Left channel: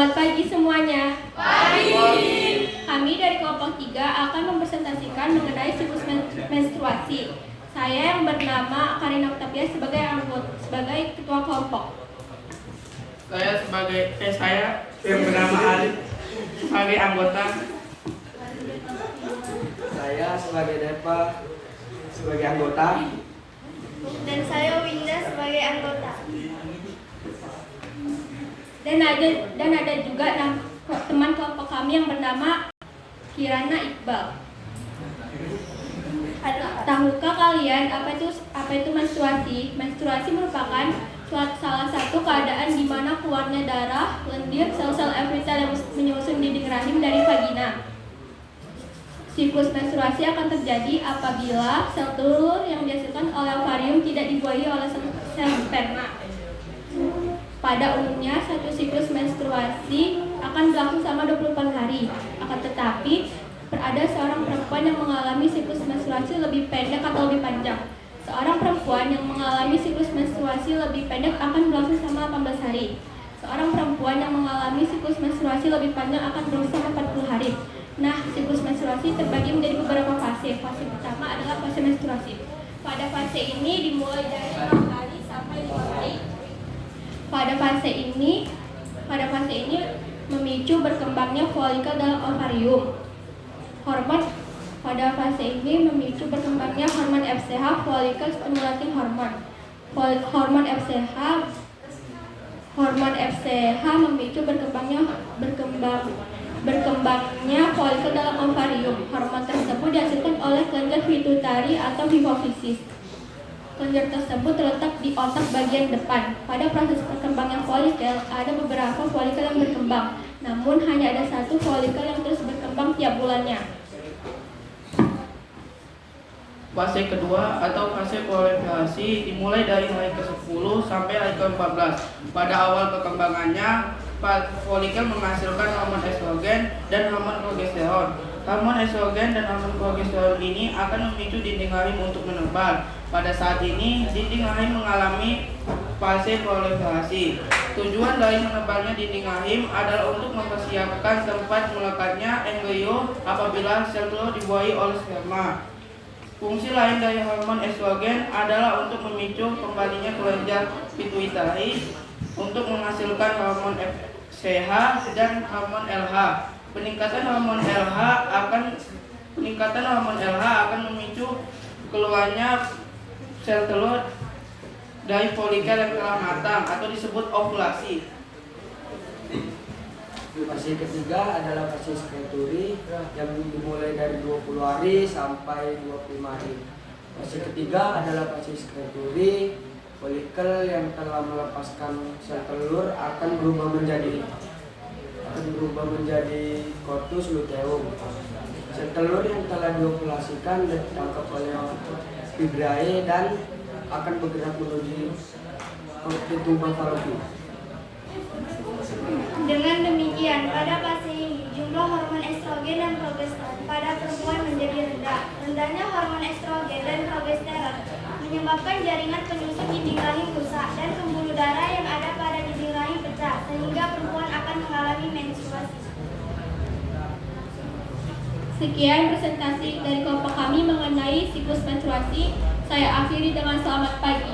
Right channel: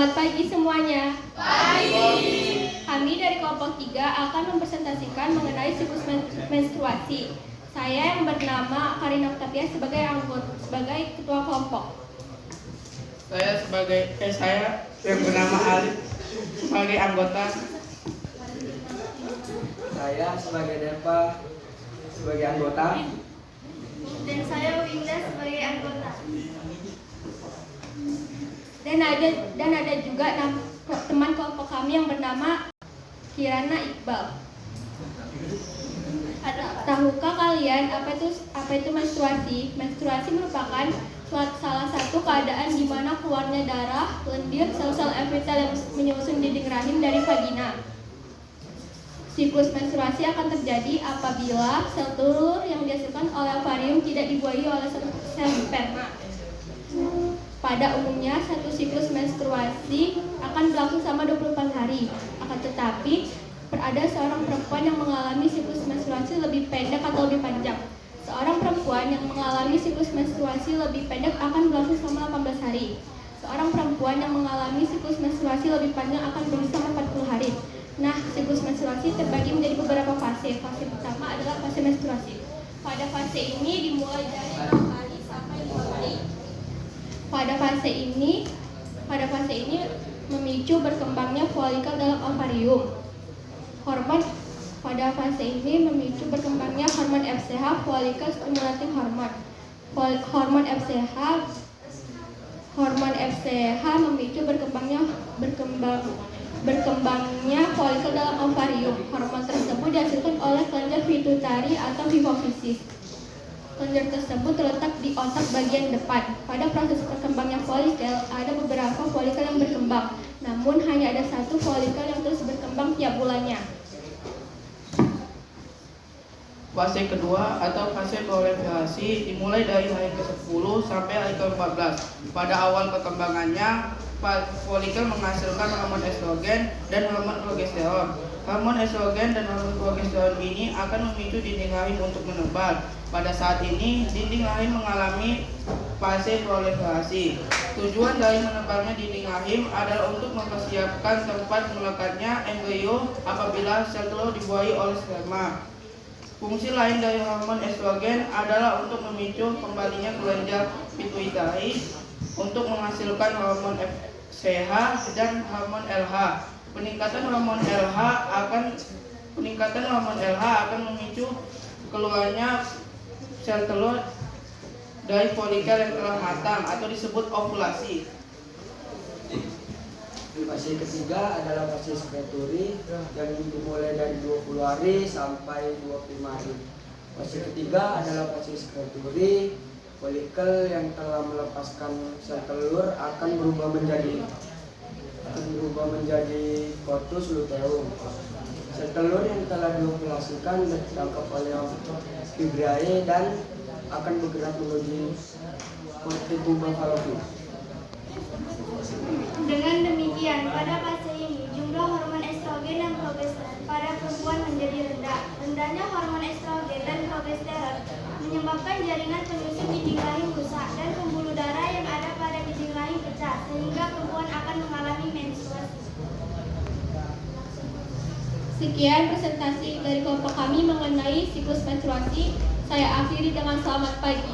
Selamat pagi semuanya. Pagi. Kami dari kelompok 3 akan mempresentasikan mengenai siklus menstruasi. Saya yang bernama Karina Octavia sebagai ketua kelompok. Saya yang bernama Arif sebagai anggota. Saya sebagai Deva sebagai anggota. Dan saya Winda sebagai anggota. Dan ada juga teman kelompok kami yang bernama Kirana Iqbal. Tahukah kalian apa itu menstruasi? Menstruasi merupakan salah satu keadaan di mana keluarnya darah, lendir, sel-sel epithel yang menyusun dinding rahim dari vagina. Siklus menstruasi akan terjadi apabila sel telur yang dihasilkan oleh ovarium tidak dibuahi oleh sel sperma. Pada umumnya, satu siklus menstruasi akan berlangsung selama 24 hari. Akan tetapi, ada seorang perempuan yang mengalami siklus menstruasi lebih pendek atau lebih panjang. Seorang perempuan yang mengalami siklus menstruasi lebih pendek akan berlangsung selama 18 hari. Seorang perempuan yang mengalami siklus menstruasi lebih panjang akan berlangsung selama 40 hari. Nah, siklus menstruasi terbagi menjadi beberapa fase. Fase pertama adalah fase menstruasi. Pada fase ini dimulai dari 0 hari sampai 2 hari. Pada fase ini memicu berkembangnya folikel dalam ovarium. Pada fase ini memicu berkembangnya hormon FSH, follicle stimulating hormone. Hormon FSH memicu berkembangnya folikel dalam ovarium. Hormon tersebut dihasilkan oleh kelenjar pituitari atau hipofisis. Kelenjar tersebut terletak di otak bagian depan. Pada proses berkembangnya folikel, ada beberapa folikel yang berkembang, namun hanya ada satu folikel yang terus berkembang tiap bulannya. Fase kedua atau fase proliferasi dimulai dari hari ke-10 sampai hari ke-14. Pada awal perkembangannya, folikel menghasilkan hormon estrogen dan hormon progesteron. Hormon estrogen dan hormon progesteron ini akan memicu dinding rahim untuk menebar. Pada saat ini, dinding rahim mengalami fase proliferasi. Tujuan dari menebarnya dinding rahim adalah untuk mempersiapkan tempat melekatnya embrio apabila sel telur dibuahi oleh sperma. Fungsi lain dari hormon estrogen adalah untuk memicu kembalinya kelenjar pituitari untuk menghasilkan hormon FSH dan hormon LH. Peningkatan hormon LH akan memicu keluarnya sel telur dari folikel yang telah matang atau disebut ovulasi. Fase ketiga adalah fase skreturi yang dimulai dari 20 hari sampai 25 hari. Fase ketiga adalah fase skreturi. Folikel yang telah melepaskan sel telur akan berubah menjadi corpus luteum. Sel telur yang telah diovulasikan ditangkap oleh fibrae dan akan bergerak menuju tubuh fallopian. Dengan demikian, pada fase ini jumlah hormon estrogen dan progesteron pada perempuan menjadi rendah. Rendahnya hormon estrogen dan progesteron menyebabkan jaringan penyusun dinding rahim rusak dan pembuluh darah yang ada pada dinding rahim pecah, sehingga perempuan akan mengalami menstruasi. Sekian presentasi dari kelompok kami mengenai siklus menstruasi. Saya akhiri dengan selamat pagi.